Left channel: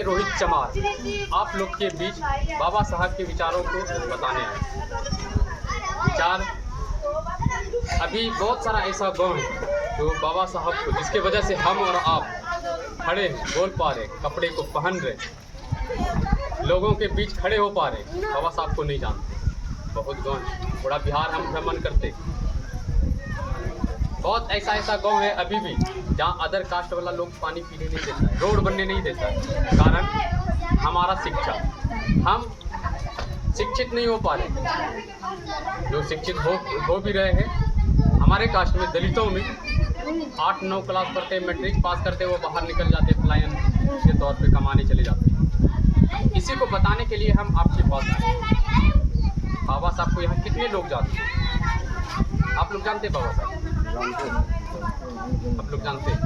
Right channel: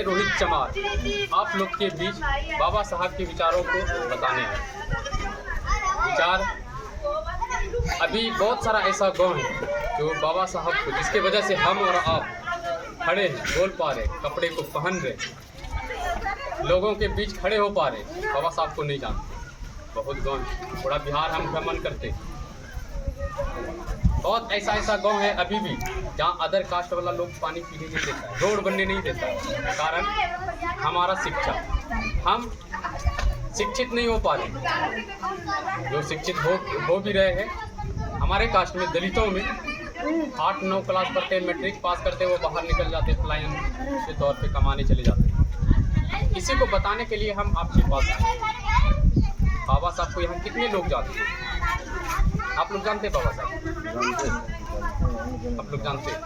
मैं रोहित चमार आप लोग के बीच बाबा साहब के विचारों को बताने आए। विचार, अभी बहुत सारा ऐसा गांव है जो बाबा साहब को, जिसके वजह से हम और आप खड़े हैं, बोल पा रहे, कपड़े को पहन रहे, लोगों के बीच खड़े हो पा रहे, बाबा साहब को नहीं जानते। बहुत गांव, पूरा बिहार हम भ्रमण करते, बहुत ऐसा गांव है अभी भी जहाँ अदर कास्ट वाला लोग पानी पीने नहीं देता है, रोड बनने नहीं देता है। कारण हमारा शिक्षा, हम शिक्षित नहीं हो पा रहे। जो शिक्षित हो भी रहे हैं, हमारे कास्ट में, दलितों में 8-9 क्लास पढ़ते, मैट्रिक पास करते, वो बाहर निकल जाते, पलायन के तौर पे कमाने चले जाते। इसी को बताने के लिए हम आपके पास आए। बाबा साहब को यहाँ कितने लोग जानते हैं? आप लोग जानते हैं बाबा साहब? आप लोग जानते हैं?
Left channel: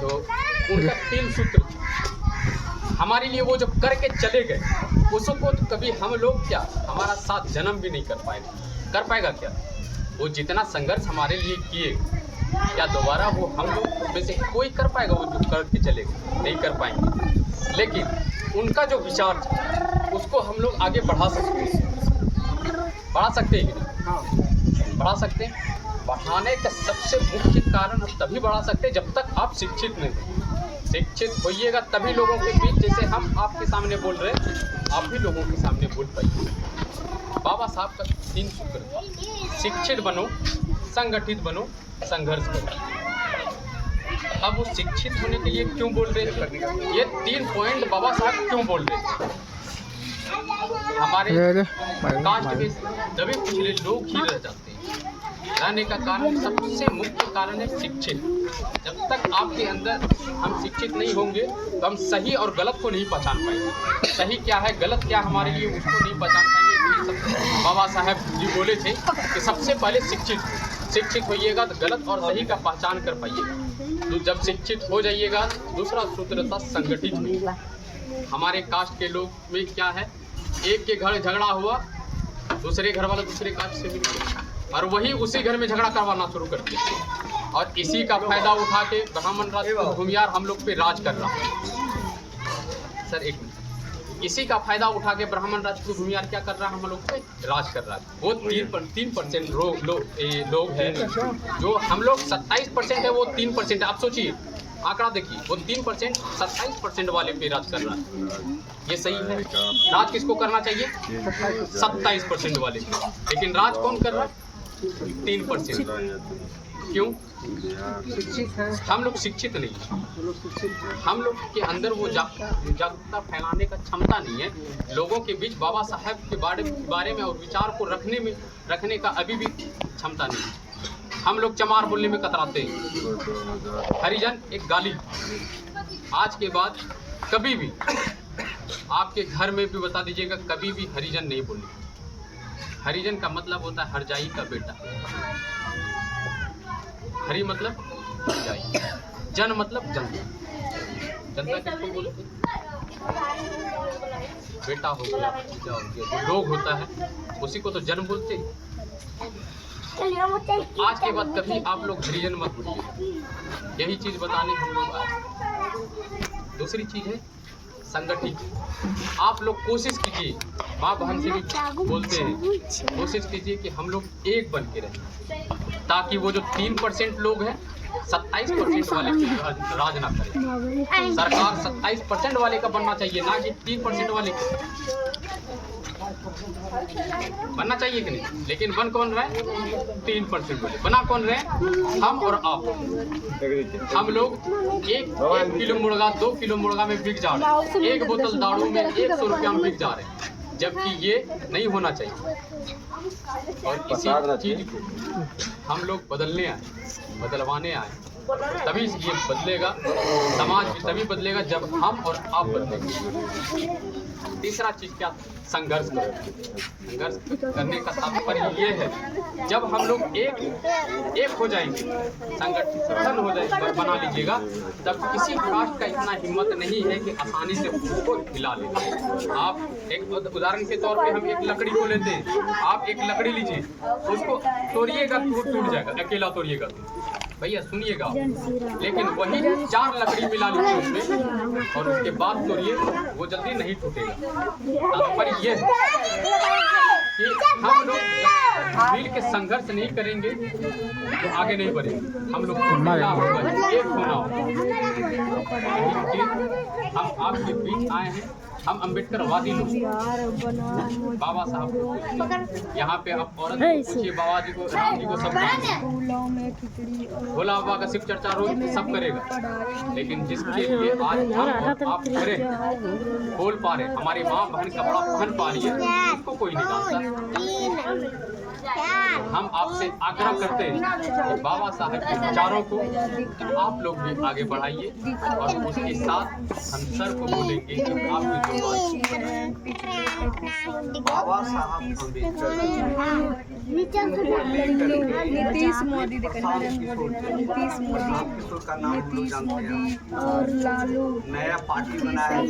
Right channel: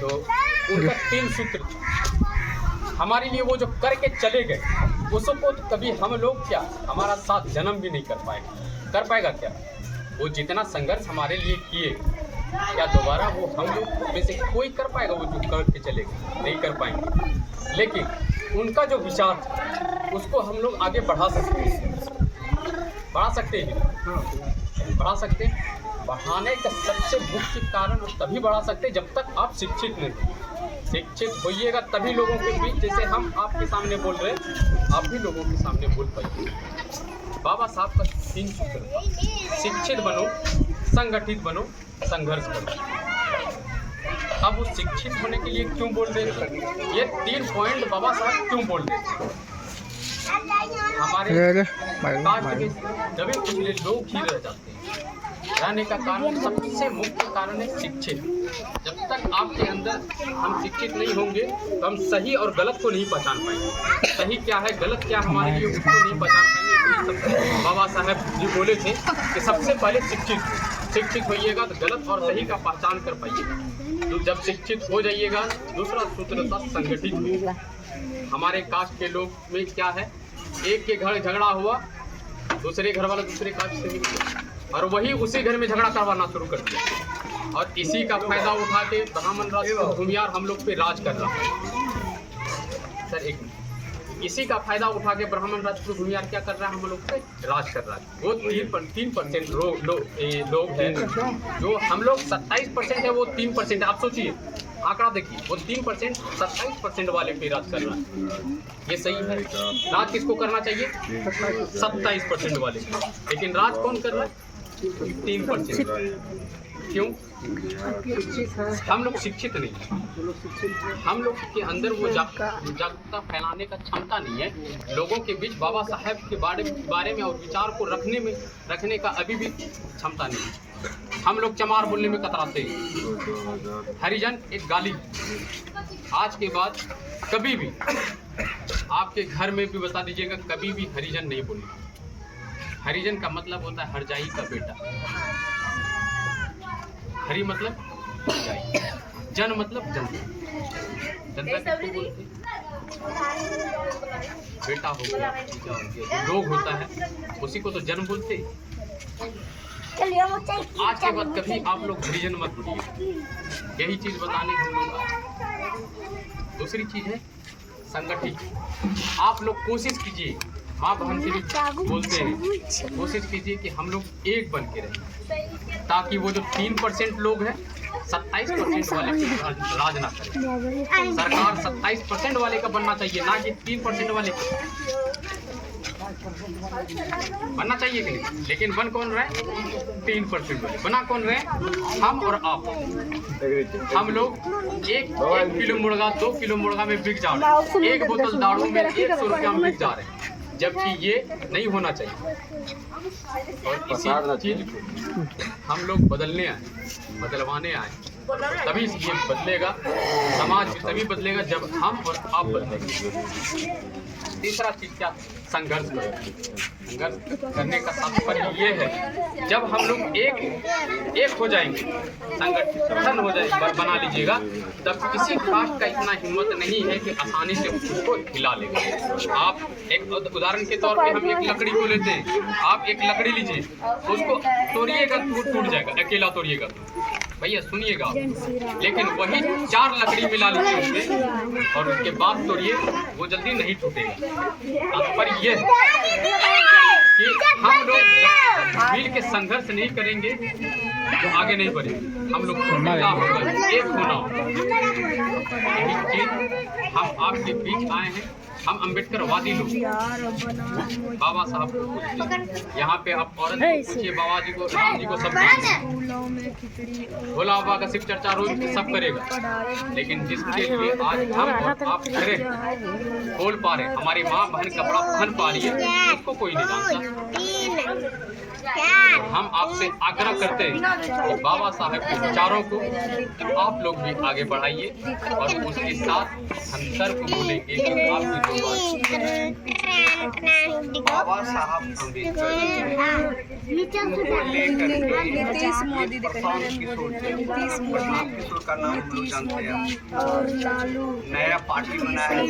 तो उनका 3 सूत्र हमारे लिए, वो जो करके चले गए, उसको तो कभी हम लोग क्या हमारा साथ जन्म भी नहीं कर पाएगा क्या? वो जितना संघर्ष हमारे लिए किए, क्या दोबारा वो हम लोग में से कोई कर पाएगा? वो जो करके चले गए, नहीं कर पाएंगे। लेकिन उनका जो विचार था, उसको हम लोग आगे बढ़ा सकते हैं कि नहीं? बढ़ा सकते हैं। बढ़ाने का सबसे मुख्य कारण हम तभी बढ़ा सकते हैं जब तक आप शिक्षित नहीं हो। शिक्षित होइएगा तभी लोगों के बीच, जैसे हम आपके सामने बोल रहे हैं, आप भी लोगों के सामने बोल पाइए। बाबा साहब का 3 सूत्र था: शिक्षित बनो, संगठित बनो, संघर्ष करो। अब वो शिक्षित होने के लिए क्यों बोल रहे थे? ये 3 पॉइंट बाबा साहब क्यों बोल रहे थे? हमारे कास्ट के दबे कुचले लोग ही रह जाते हैं। रहने का कारण, सबसे मुख्य कारण है शिक्षित। जब तक आपके अंदर हम शिक्षित नहीं होंगे तो हम सही और गलत को नहीं पहचान पाएंगे। सही क्या है, गलत क्या हमारे लिए, उसको नहीं पहचान पाएंगे। बाबा साहब जी बोले थे कि सबसे पहले शिक्षित होइएगा तो गलत और सही का पहचान कर पाइएगा। तो जब शिक्षित हो जाइएगा, दूसरा सूत्र था संगठित होइएगा। हमारे कास्ट के लोग में क्या है, एक के घर झगड़ा हुआ, दूसरे घर वाला दूसरे कास्ट से मिल गया और वही उसी घर में झगड़ा करवाना शुरू कर दिया। और इसी का फायदा उठा के ब्राह्मण राज भूमियार हम लोग पे राज कर रहा है। सर एक मिनट, इसी का फायदा उठा के ब्राह्मण राजपूत भूमियार क्या कर रहा है, हम लोग पे राज कर रहा है। वो 3% लोग हैं, जो हम लोग 27% है, वो 3% है। आप सोचिए, आंकड़ा देखिए, वो 3% 27% वाले पे राज कर रहा है। ये सही है? राज किसको करना चाहिए? 27% वाले पे। लेकिन राज कौन कर रहा है? 3%। क्यों? हम लोग शिक्षित नहीं हैं। हम लोग के अंदर वो जागरूकता फैलाने का क्षमता नहीं है। लोगों के बीच बाबा साहब के बारे में और विचार को रखने का अभी भी क्षमता नहीं है। हम लोग चमार बोलने में कतराते हैं। हरिजन एक गाली। आज के बाद कभी भी आपके घर में भी बता दीजिएगा, कभी भी हरिजन नहीं बोलनी। हरिजन का मतलब होता है हरजाई का बेटा। हरि मतलब हरजाई, जन मतलब जनता। जनता किसको बोलते? बेटा हो गया, भतीजा हो गया, जो लोग होता है उसी को तो जन बोलते। आज के बाद कभी आप लोग हरिजन मत बोलिए। यही चीज बताने हम लोग आए। दूसरी चीज है संगठित। आप लोग कोशिश कीजिए, माँ बहन से भी बोलते हैं, कोशिश कीजिए कि हम लोग एक बन के रहें, ताकि वो जो 3% लोग हैं 27% वाले पे राज ना करें। सरकार 27% वाले का बनना चाहिए, ना कि 3% वाले का बनना चाहिए कि नहीं? लेकिन बन कौन रहे? 3% वाले। बना कौन रहे? हम और आप। हम लोग 1 किलो मुर्गा 2 किलो मुर्गा में बिक जा रहे हैं, 1 बोतल दारू में 100 रुपया में बिक जा रहे हैं, जबकि ये नहीं होना चाहिए। और इसी चीज को हम लोग बदलने आए, बदलवाने आए। तभी ये बदलेगा, समाज भी तभी बदलेगा जब हम और आप बदलेंगे। तीसरा चीज क्या? संघर्ष करो। संघर्ष करने का तात्पर्य ये है, जब हम लोग एक हो जाएंगे, संगठन हो जाएगा, बना लीजिएगा, तब किसी कास्ट का इतना हिम्मत नहीं है कि आसानी से उसको हिला लेगा। आप एक उदाहरण के तौर पे हम एक लकड़ी को लेते हैं, आप एक लकड़ी लीजिए, उसको तोड़िएगा तो टूट जाएगा, अकेला तोड़िएगा तो। भैया सुनिएगा, लेकिन वही 4 लकड़ी मिला लीजिए उसमें, और उसके बाद तोड़िए, वो जल्दी नहीं टूटेगा। तात्पर्य ये है कि हम लोग जब मिल के संघर्ष नहीं करेंगे तो आगे नहीं बढ़ेंगे। हम लोग को मिलना होगा, एक होना होगा। यही चीज हम आपके बीच आए हैं। हम अम्बेडकरवादी लोग बाबा साहब को पूछते हैं। यहाँ पे आप औरत को पूछिए, बाबा जी को, राम जी को, सब भोला बाबा का शिव चर्चा रोज सब करेगा, लेकिन जिसके लिए आज हम और आप खड़े खोल पा रहे, हमारी माँ बहन कपड़ा पहन पा रही है, उसको कोई नहीं जानता। हम आपसे आग्रह करते हैं कि बाबा साहब के विचारों को आप लोग भी आगे बढ़ाइए और उसके साथ हम सर को बोलेंगे कि आपकी जो बात बाबा साहब अम्बेडकर प्रशांत किशोर का नाम हम लोग जानते हैं। नया पार्टी बनाया है।